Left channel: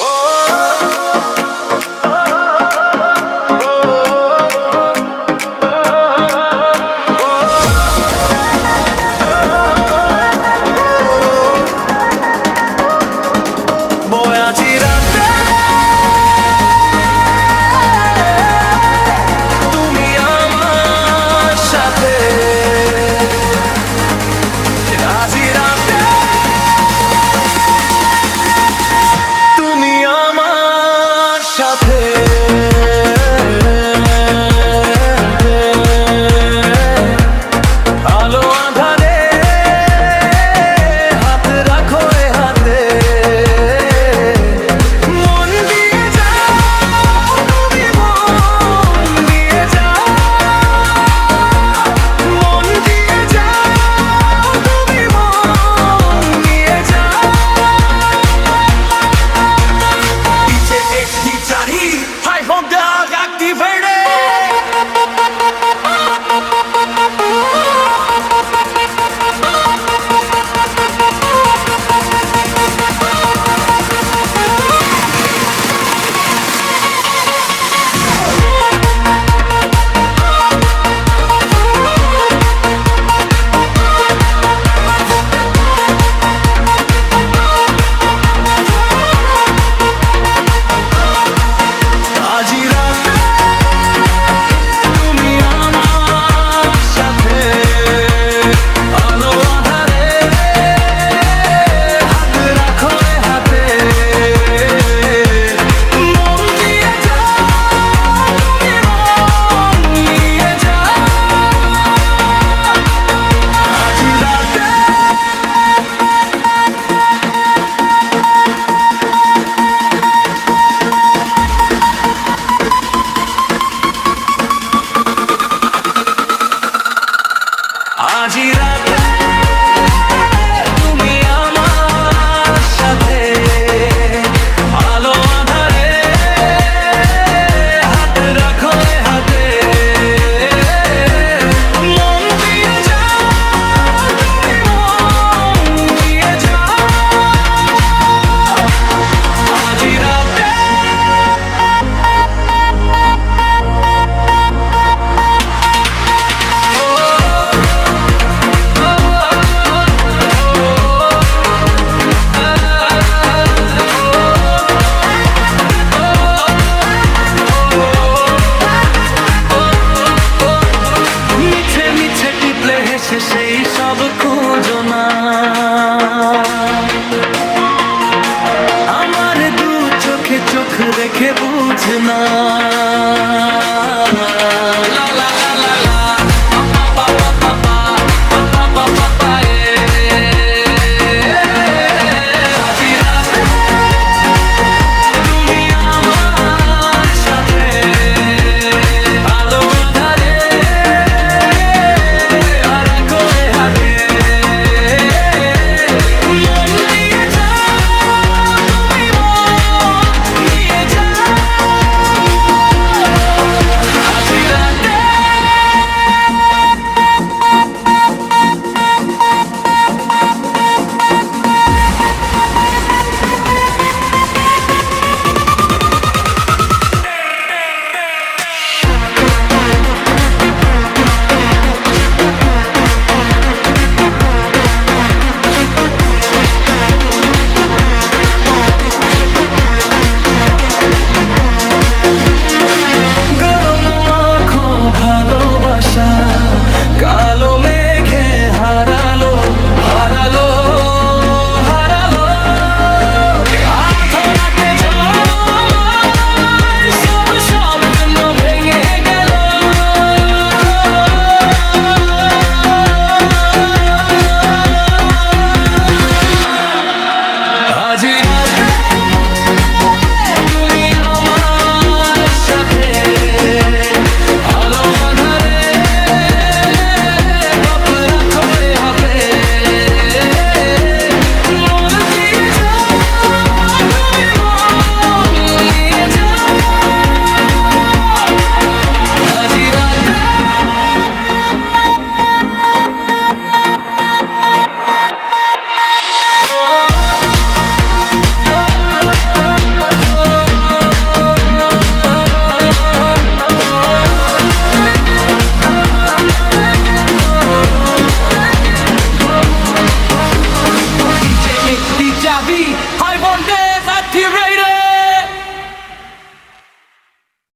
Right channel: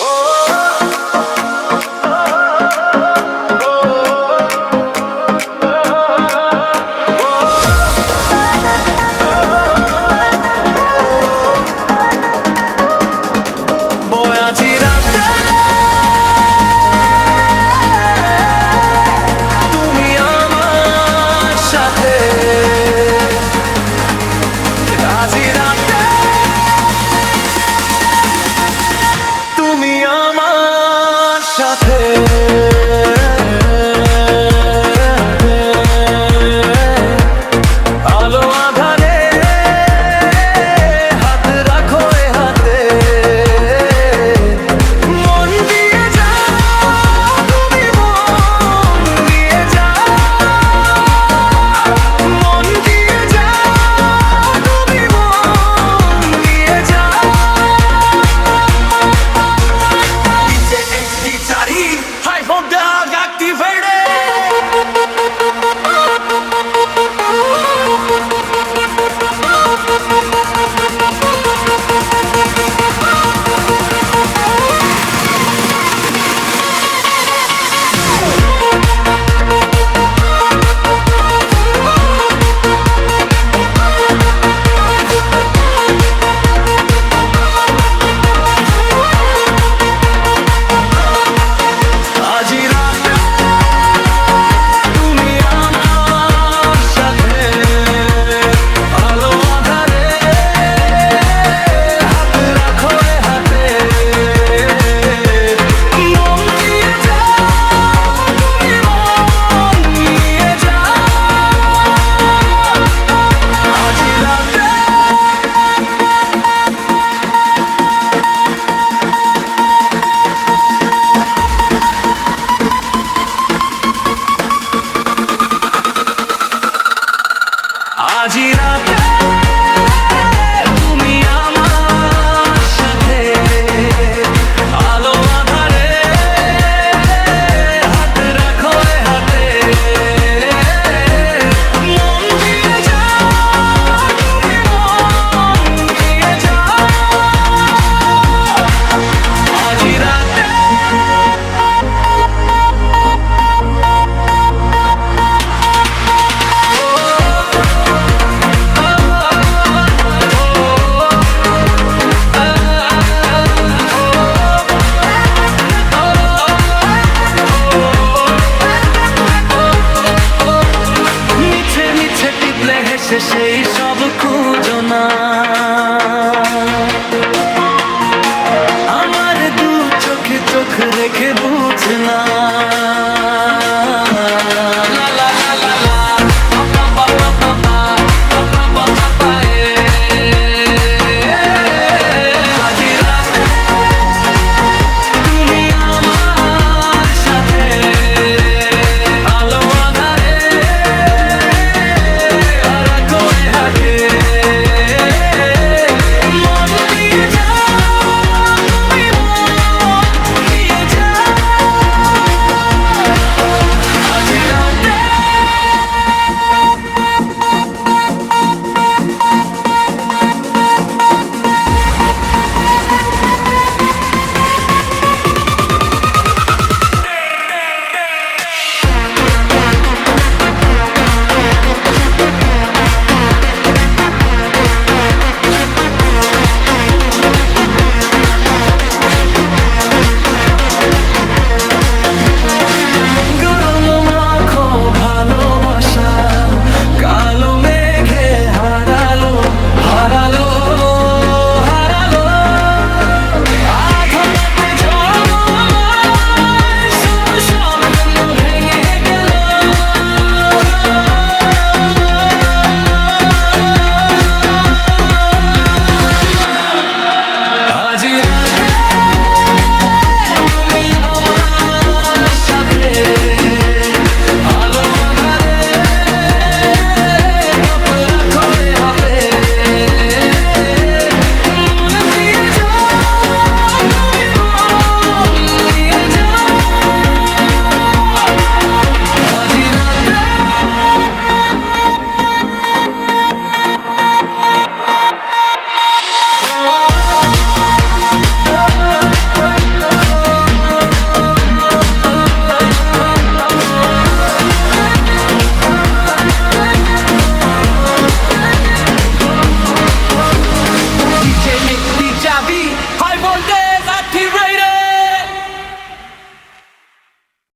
Oh. সাথে 아직 ইচ্ছে টিপলে হেসে সেই সব খুঁজো না। আমার দু চোখে চোখ রেখে বুঝ না। up. Navi, high voltage activated.